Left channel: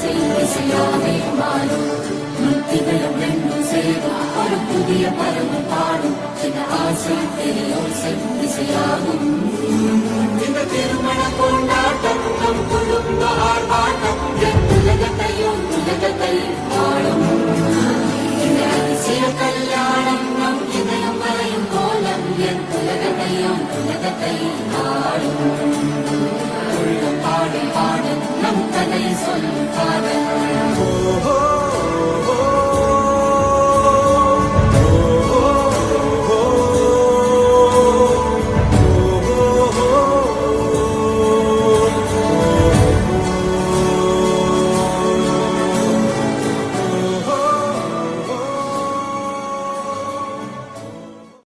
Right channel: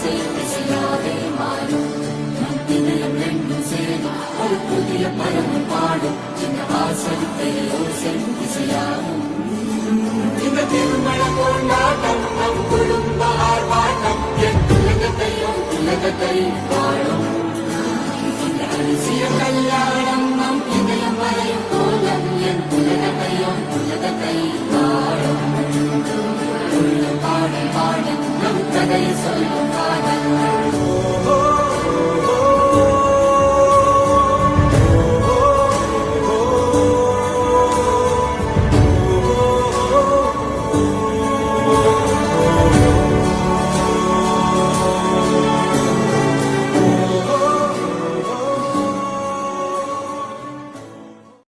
ஆசை இசையாவே மாறும். இதயம் ரெண்டும் சேரும் ஒரு புதிய பருவம் பாடும். இந்த ஆசை தேயோசை இசையாகும். இந்த திருமண கொண்டாட்டம்